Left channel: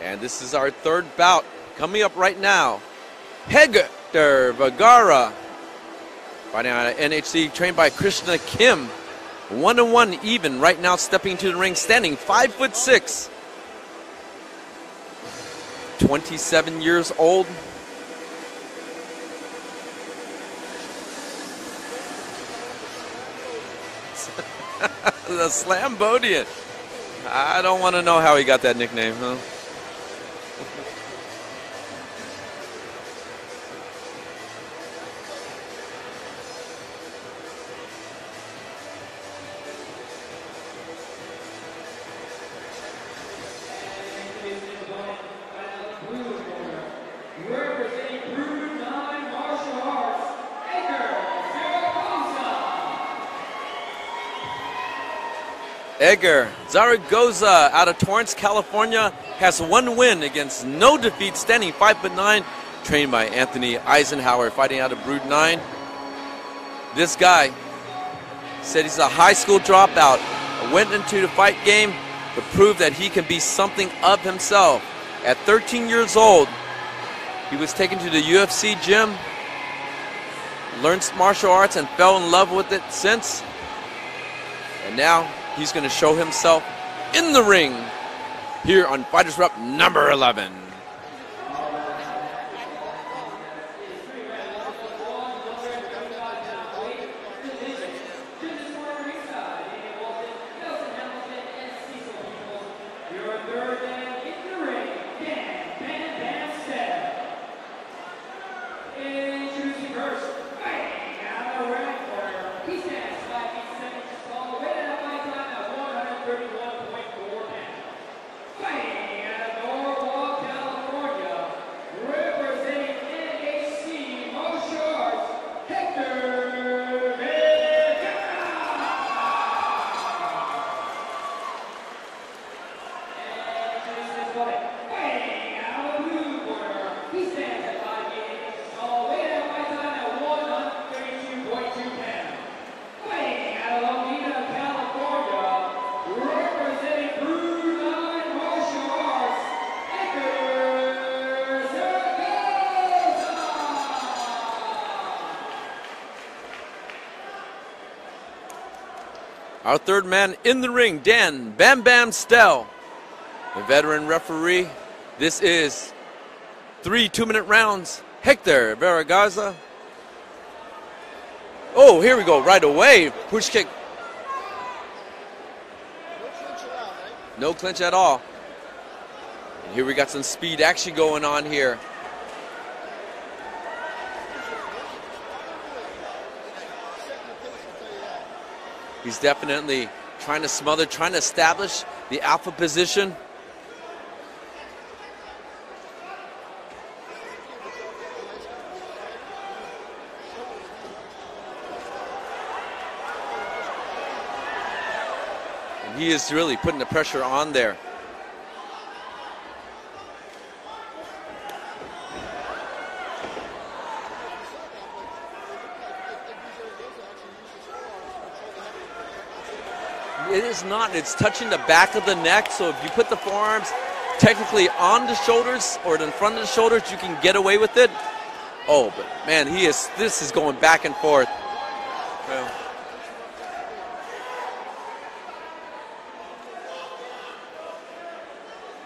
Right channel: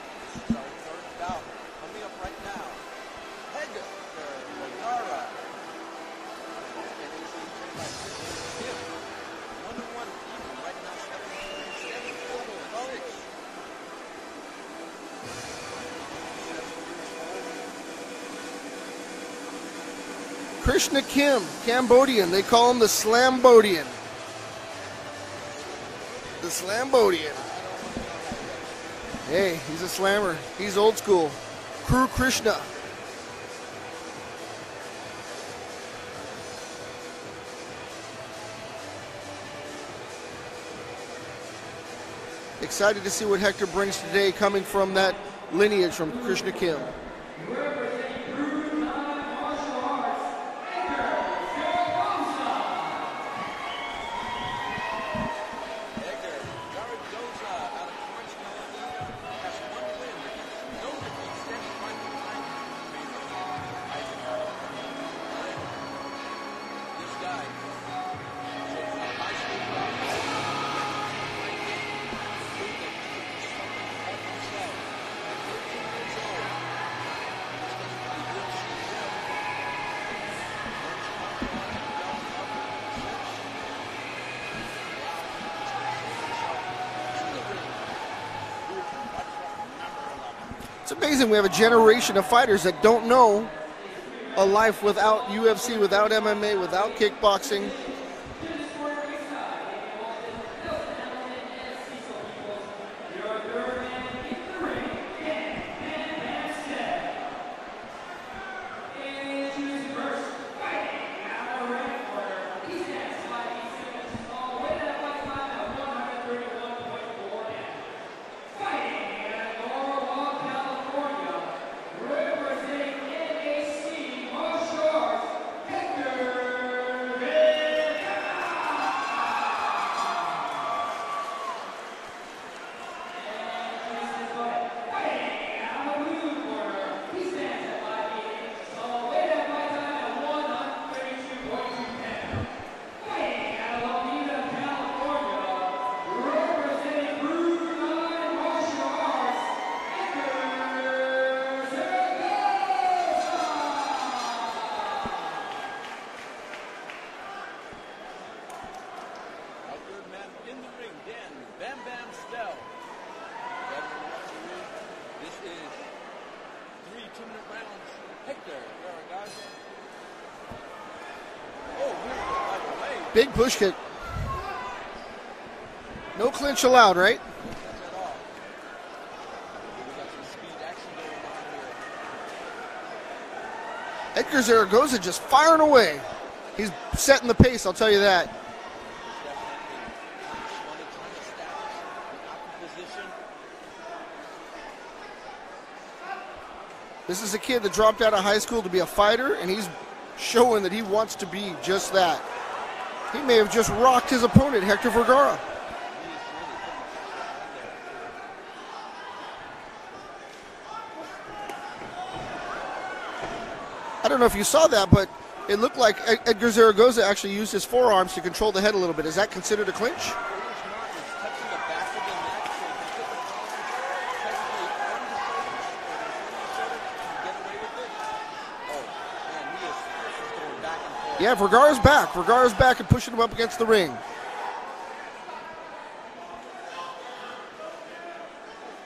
And this is our third bout coming up right now. Hector Vergara, fighting out of NHC, trained by Krishna Kim. 1-1 even right now, stepping into the ring, standing 5'6". 27 years old. Krishna Kim, Cambodian. They call him the Slambodian. The Slambodian. The Slambodian. I don't want to know how he got that nickname. Huh? Hey, he's a slammer. He's old school. Kuru Krishna. Excited to see what Hector brings today, coming from that lineage from Krishna Kim. Edgar Zaragoza out of Torrance, California, has 1 win against no defeat, standing 5'9", trained by Anthony Eisenhower, fighting out of Brood 9. This guy said he's a high school dropout, went into the fight game to prove that he can be something of himself. At 13 years old, he was taken to the UFC gym, learned martial arts, and fell in love with it since. And now he's going to show himself in the ring here on FightersRep number 11. It's amazing we have a generation of fighters that don't know a life without UFC, without MMA, without kickboxing. Our third man in the ring, Dan Bam Bam Stell, the veteran referee. This is 3 2-minute rounds. Hector Vergara. Oh, here we go right away. Big push kick. No clinch allowed, right? No clinch at all. Here we got some speed action going on here. Edgar Zaragoza just firing away. He's setting the pace, I'll tell you that. He's definitely trying to smother, trying to establish the alpha position. This is a kid that dropped out of high school to be a fighter, and he's showing that he wants to be just that. He may have just rocked his opponent, Hector Vergara. And he is really putting the pressure on there. I don't know if you saw that, but it looked like Edgar Zaragoza actually used his forearms to control the head a little bit. Is that considered a clinch? It is not. It's touching the back of the neck, so if you put the forearms technically on the shoulders or in front of the shoulders, you can get away with it. Oh, but man, this is going back and forth. Yeah, Vergara's back. Vergara's back and pushing him up against the ring.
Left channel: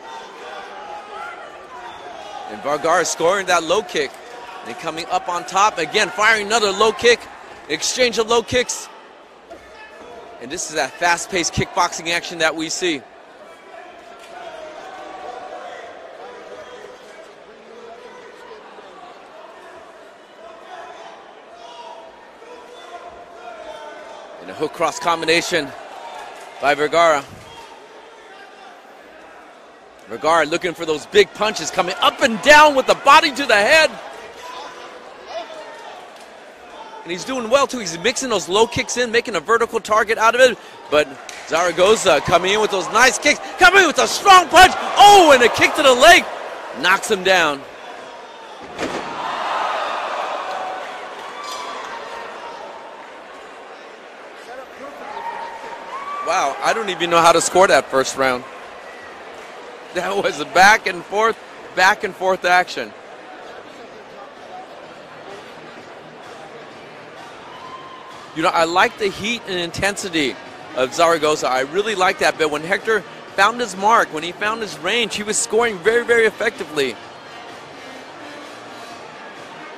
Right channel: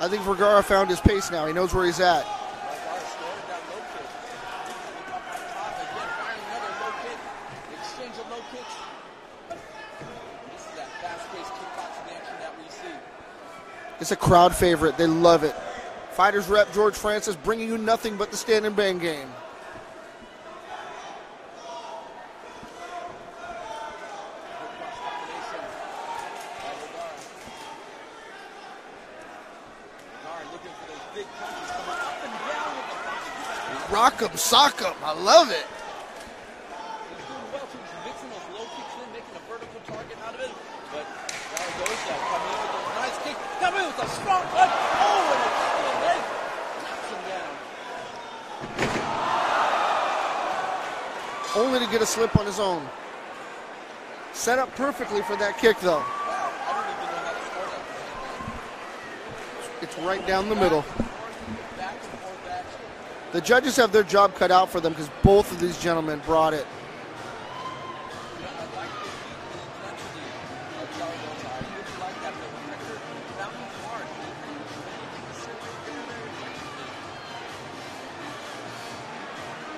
I think Vergara found his pace now. He knows where he's at. And Vergara scoring that low kick. And coming up on top, again, firing another low kick. Exchange of low kicks. And this is that fast-paced kickboxing action that we see. It's a crowd favorite. They love it. Fighters Rep George Francis bringing you nothing but the stand and bang game. And a hook cross combination by Vergara. Vergara looking for those big punches, coming up and down with the body to the head. Rock 'em, sock 'em. I love it. and he's doing well too. He's mixing those low kicks in, making a vertical target out of it. But Zaragoza coming in with those nice kicks, coming in with a strong punch. Oh, and a kick to the leg, knocks him down. Only to get a slip on his own. Set up perfectly for that kick, though. Wow, I don't even know how to score that first round. That right was a back and forth action. The judges have their job cut out for them because both of these gentlemen brought it. You know, I like the heat and intensity of Zaragoza. I really like that. But when Hector found his mark, when he found his range, he was scoring very, very effectively.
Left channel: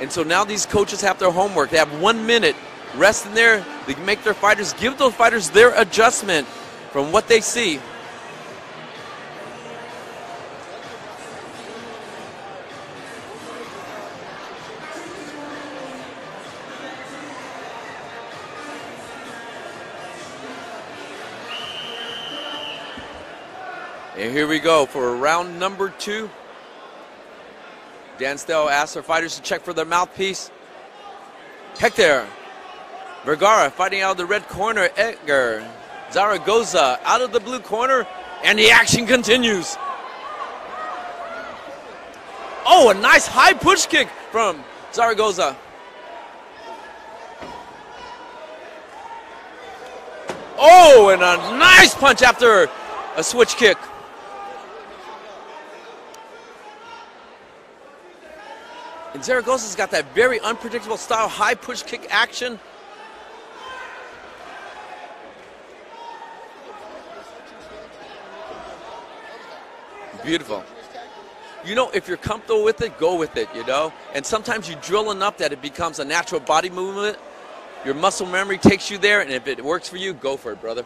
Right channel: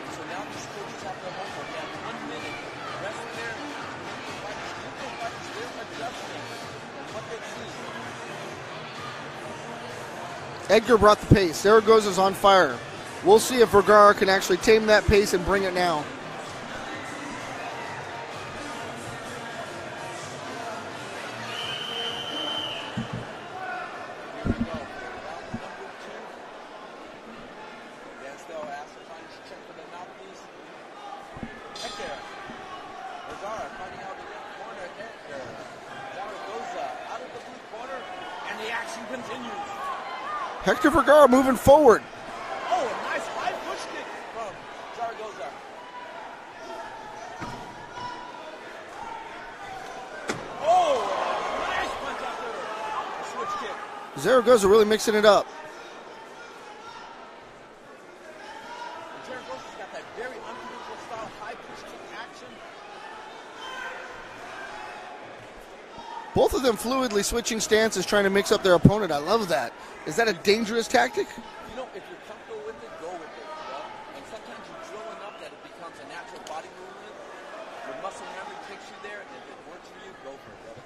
And so now these coaches have their homework. They have 1 minute rest in there. They can make their fighters, give those fighters their adjustment from what they see. Edgar brought the pace. Zaragoza's on fire. We'll see if Vergara can actually tame that pace and bring it now. And here we go for round number 2. Dan Stell asks our fighters to check for their mouthpiece. Hector Vergara fighting out of the red corner. Edgar Zaragoza out of the blue corner, and the action continues. Hector Vergara moving forward. Oh, a nice high push kick from Zaragoza. Oh, and a nice punch after a switch kick. Zaragoza really mixing it up. And Zaragoza's got that very unpredictable style, high push kick action. Both of them fluidly switching stances, trying to mix up their opponent. I love that. Is that Beautiful. a dangerous tactic? You know, if you're comfortable with it, go with it, you know? And sometimes you drill enough that it becomes a natural body movement. Your muscle memory takes you there, and if it works for you, go for it, brother.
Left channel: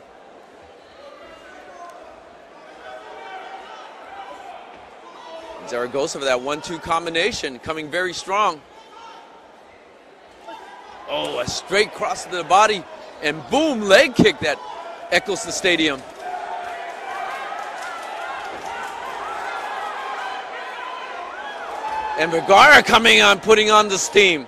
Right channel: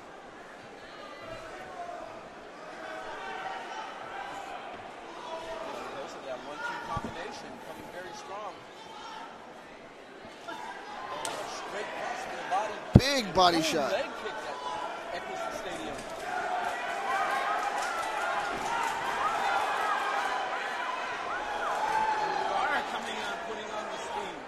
Zaragoza for that 1-2 combination, coming very strong. Oh, a straight cross to the body, Big and body boom, shot. leg kick that echoes the stadium. And Vergara coming on, putting on the steam.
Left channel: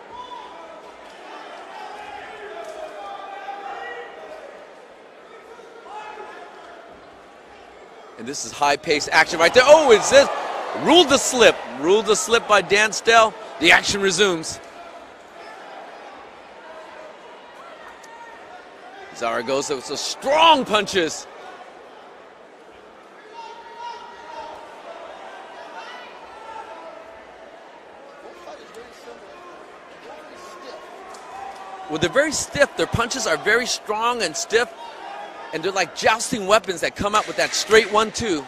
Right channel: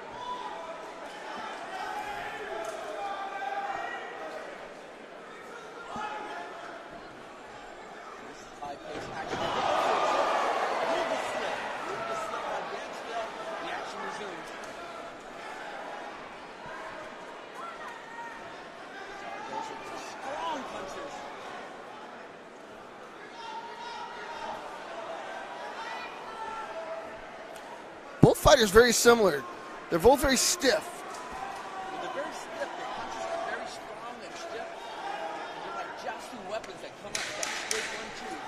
And this is high-paced action right there. Oh, it's this. Ruled the slip. Ruled the slip by Dan Stell. The action resumes. Zaragoza with some strong punches. Both fighters very similar. They're both very stiff. Well, they're very stiff. Their punches are very strong and stiff. And they're like jousting weapons that come out with that straight 1-2.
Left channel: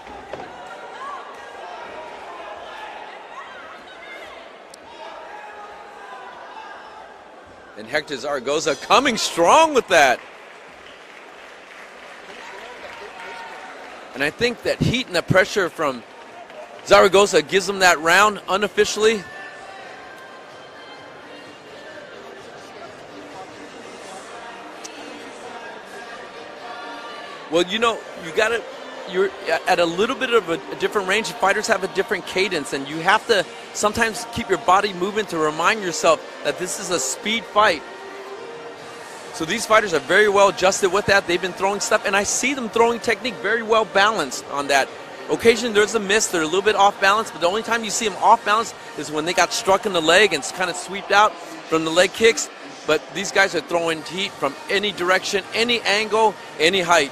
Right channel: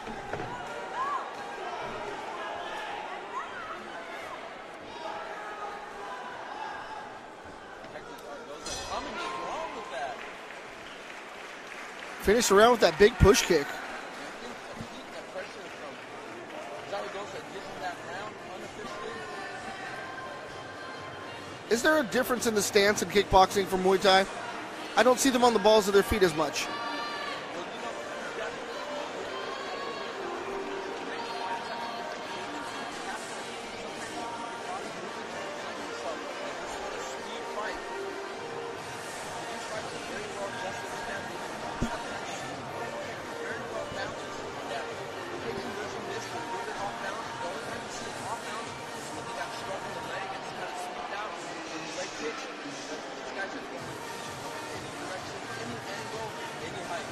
And Hector Zaragoza coming strong with that. Finished around with that big push kick. And I think that heat and the pressure from Zaragoza gives him that round unofficially. Is there a difference in the stance in kickboxing from Muay Thai? I don't see them on the balls of their feet as much. Well, you know, you're at a little bit of a different range. Fighters have a different cadence, and you have to sometimes keep your body moving to remind yourself that this is a speed fight. So these fighters are very well adjusted with that. They've been throwing stuff, and I see them throwing technique very well balanced on that. Occasionally there's a miss, they're a little bit off balance, but the only time you see them off balance is when they got struck in the leg and kind of swept out from the leg kicks. But these guys are throwing heat from any direction, any angle, any height.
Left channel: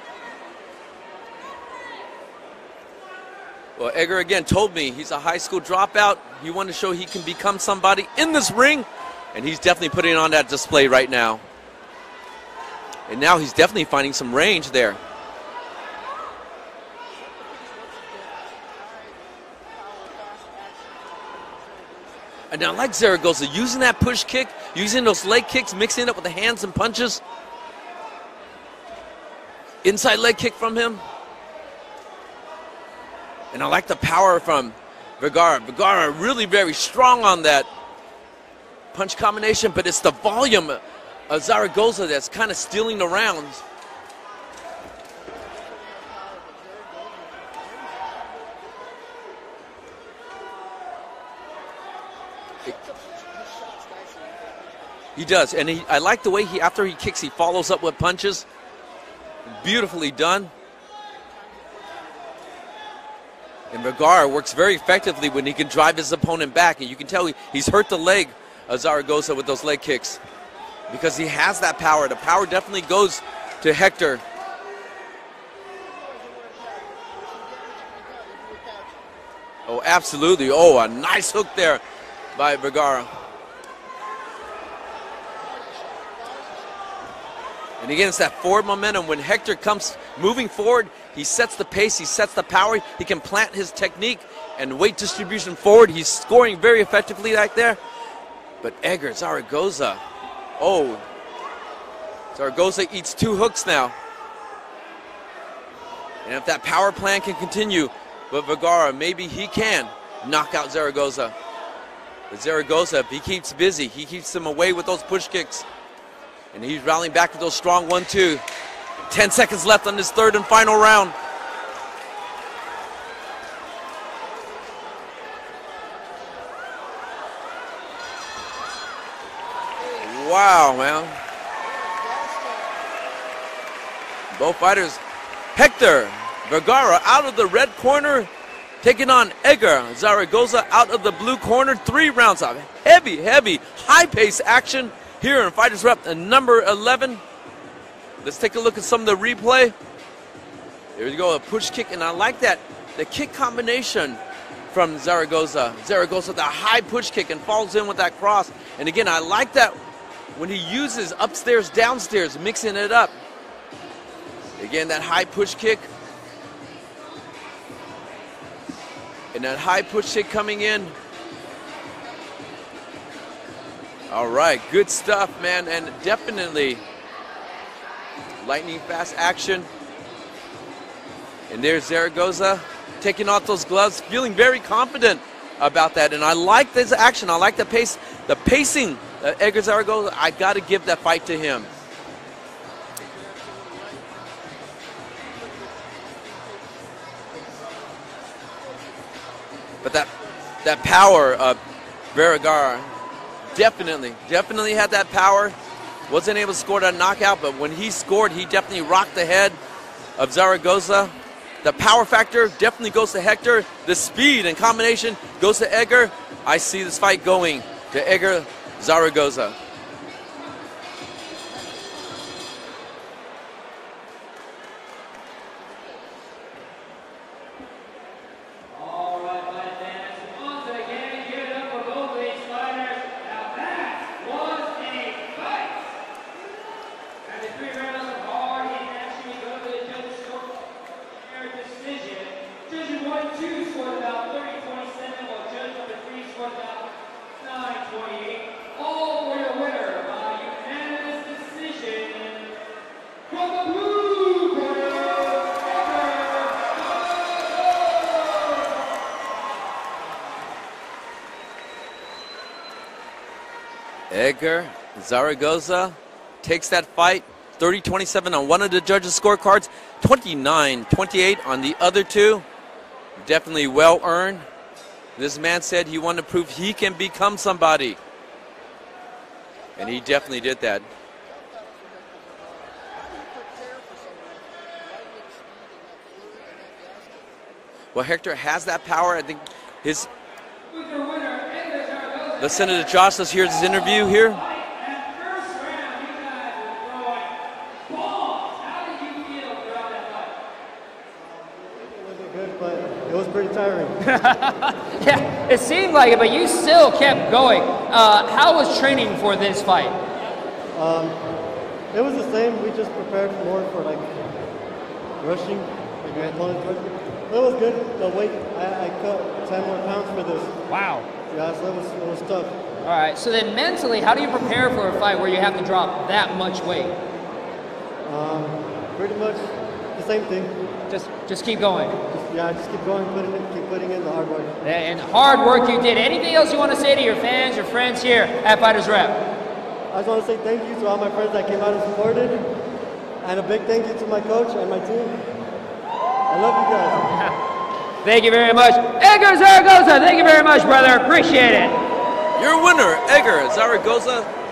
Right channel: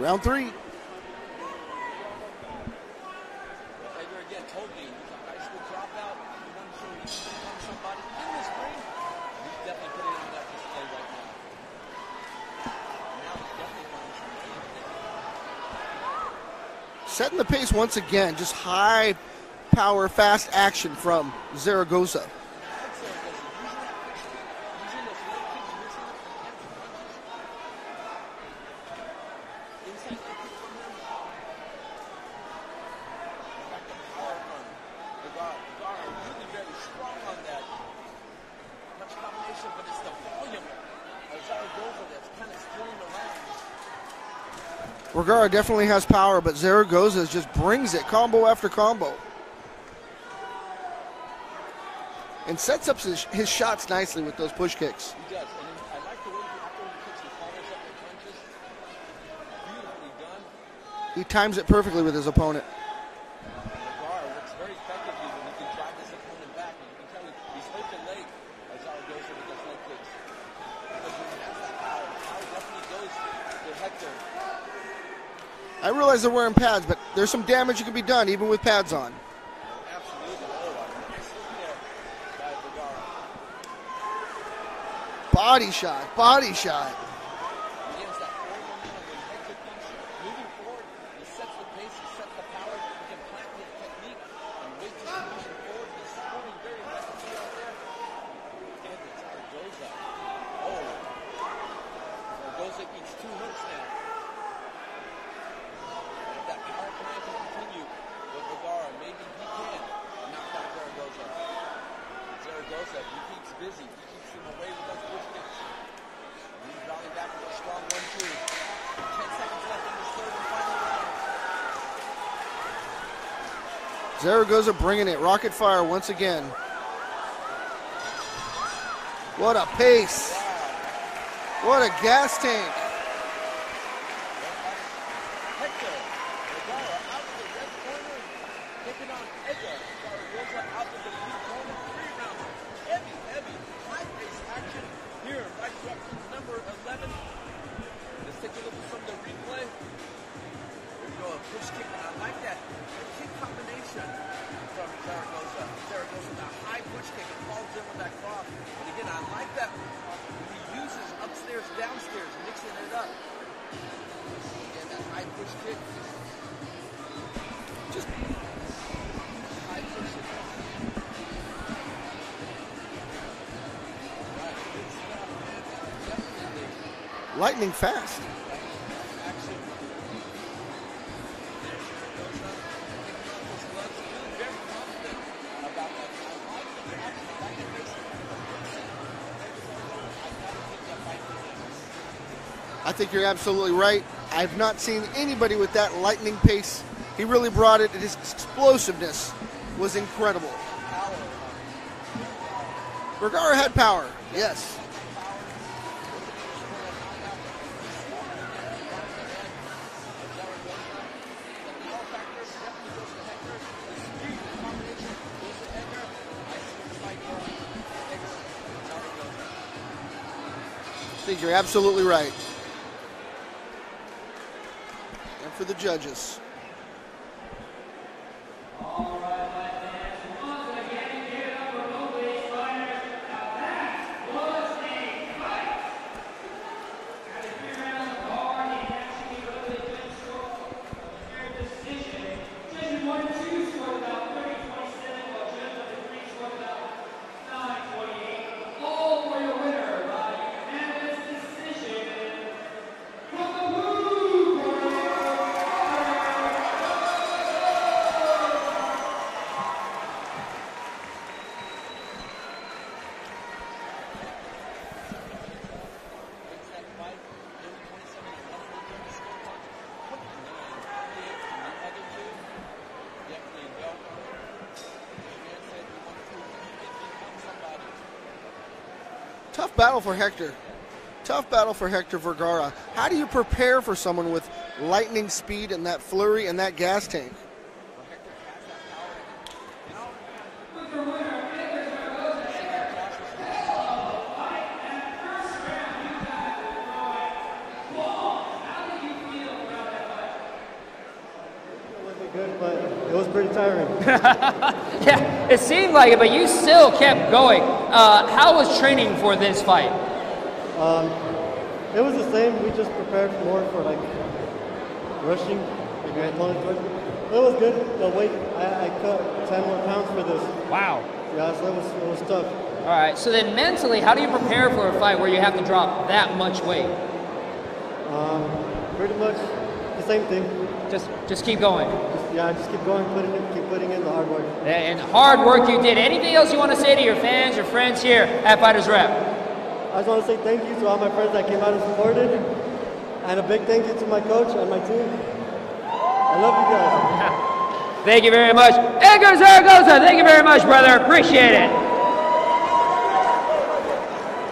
Round 3. Well, Edgar again told me he's a high school dropout. He wanted to show he can become somebody in this ring, and he's definitely putting on that display right now. And now he's definitely finding some range there. Setting the pace once again, just high power, fast action from Zaragoza. And I like Zaragoza using that push kick, using those leg kicks, mixing it up with the hands and punches. Inside leg kick from him. And I like the power from Vergara. Vergara really very strong on that punch combination, but it's the volume of Zaragoza that's kind of stealing the rounds. Vergara definitely has power, but Zaragoza just brings it, combo after combo. and sets up his shots nicely with those push kicks. He does, and I like the way after he kicks, he follows up with punches. Beautifully done. He times it perfectly with his opponent. And Vergara works very effectively when he can drive his opponent back, and you can tell he's hurt the leg of Zaragoza with those leg kicks because he has that power. The power definitely goes to Hector. I realize they're wearing pads, but there's some damage that can be done even with pads on. Oh, absolutely. Oh, a nice hook there by Vergara. Body shot, body shot. And again, it's that forward momentum. When Hector comes moving forward, he sets the pace, he sets the power, he can plant his technique and weight distribution forward. He's scoring very effectively right there. But Edgar Zaragoza, oh, Zaragoza eats 2 hooks now. And if that power plan can continue, but Vergara, maybe he can knock out Zaragoza. But Zaragoza, if he keeps busy, he keeps him away with those push kicks. And he's rallying back with those strong 1-2. 10 seconds left on this third and final round. Zaragoza bringing it rocket fire once again. What a pace. Wow, man. What a gas tank. Both fighters. Hector Vergara out of the red corner, taking on Edgar Zaragoza out of the blue corner. 3 rounds of heavy, high-paced action here in FightersRep number 11. Let's take a look at some of the replay. Here we go, a push kick, and I like that. The kick combination from Zaragoza. Zaragoza with a high push kick and falls in with that cross. And again, I like that when he uses upstairs, downstairs, mixing it up. Again, that high push kick. And that high push kick coming in. All right, good stuff, man, and definitely lightning fast action. And there's Zaragoza taking off those gloves, feeling very confident about that. And I like this action. I like the pace, the pacing. Edgar Zaragoza, I got to give that fight to him. I think you're absolutely right. I've not seen anybody with that lightning pace. He really brought it. His explosiveness was incredible. That power of Vergara. Vergara had power. Definitely had that power. Wasn't able to score that knockout, but when he scored, he definitely rocked the head of Zaragoza. The power factor definitely goes to Hector. The speed and combination goes to Edgar. I see this fight going to Edgar Zaragoza. I think you're absolutely right. And for the judges. All right, my fans, once again, give it up for both these fighters. Now that was a fight. After 3 rounds of hard and actually go to the judges' score their decision. Judge 1-2 scored about 30-27, while judge number 3 scored about 9-28. All for your winner by unanimous decision from the blue corner. Edgar Zaragoza takes that fight, 30-27 on one of the judges' scorecards, 29-28 on the other 2. Definitely well earned. This man said he wanted to prove he can become somebody. Tough battle for Hector. He definitely did that. Tough battle for Hector Vergara. How do you prepare for someone with lightning speed and that flurry and that gas tank? Well, Hector has that power. I think his... Let's send it to Josh. Let's hear his interview here. It wasn't good, but it was pretty tiring. Yeah, it seemed like it, but you still kept going. How was training for this fight? It was the same. We just prepared more for like rushing. It was good. The weight, I cut 10 more pounds for this. Wow. Yeah, so it was tough. All right, so then mentally, how do you prepare for a fight where you have to drop that much weight? Pretty much the same thing. Just keep going. Just keep going, keep putting in the hard work. And hard work you did. Anything else you want to say to your fans, your friends here at FightersRep? I just want to say thank you to all my friends that came out and supported, and a big thank you to my coach and my team. I love you guys. Thank you very much. Edgar Zaragoza, thank you very much, brother. Appreciate it. Edgar Zaragoza